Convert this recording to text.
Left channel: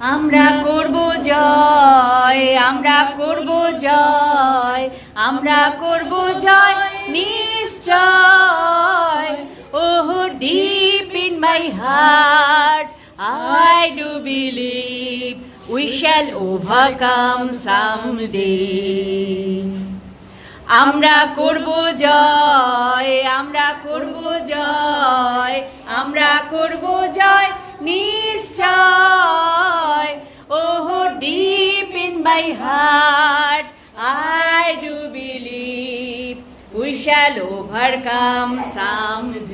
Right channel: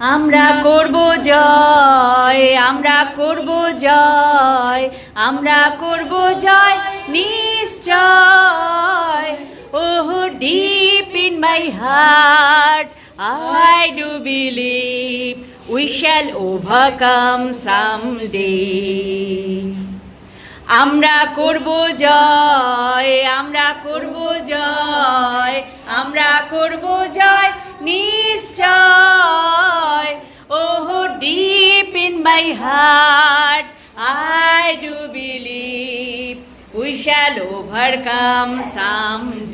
আমরা করব জয়, আমরা করব জয়, আমরা করব জয় নিশ্চয়। Oh, deep in my heart, I do believe we shall overcome someday. আমরা করব জয়, আমরা করব জয়, আমরা করব জয় নিশ্চয়। Oh, deep in my heart, I do believe we shall overcome someday.